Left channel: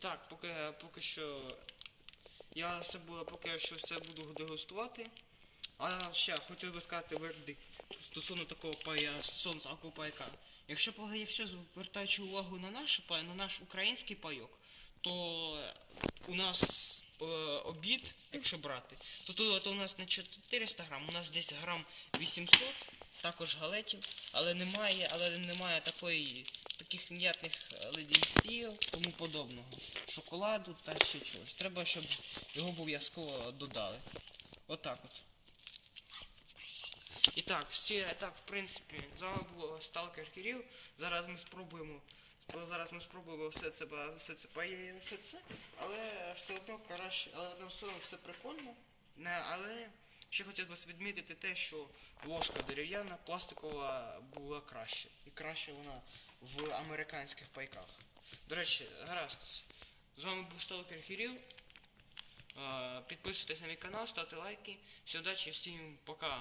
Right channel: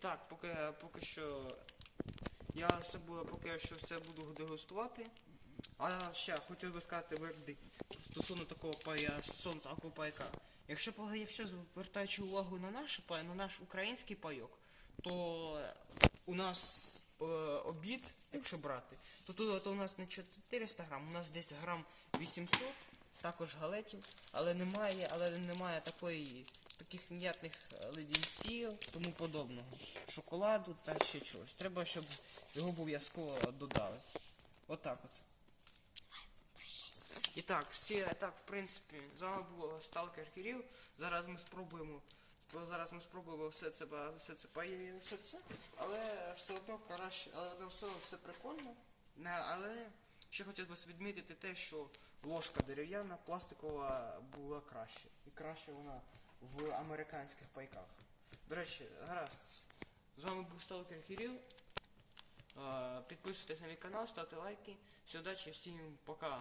так, поки, поки що я все було, поки що все буду дегустувати. А ще хотів би сказати вердикт стосовно такого пая сонця пайка. Якщо якщо звертаючи увагу на наш пай, на наш український пайок, то у нас е, обід, якщо брати, то тут то у нас не 400 грам, у нас десь грам 800, також галетів, але немає, але немає такої, таких м'ятних леденців, тому подобного. Шоколаду та ще чогось. Треба, щоб його обов'язково додали. Отак от. І так, всі, так, в принципі, з вами був Сталкер Кирил. Зараз ми спробуємо. Зараз ми спробуємо все це, все це все це, але все одно краще, але все, все прикольно. Не, але ще хотів би відмітити те, що ложка дерев'яна, пластикова була краще. І краще вона в американських пайках. До речі, гаразд. З вами був Сталкер Кирил. Е, Підписуйтесь на мій канал, ставте лайки. Всім удачі, всім пока.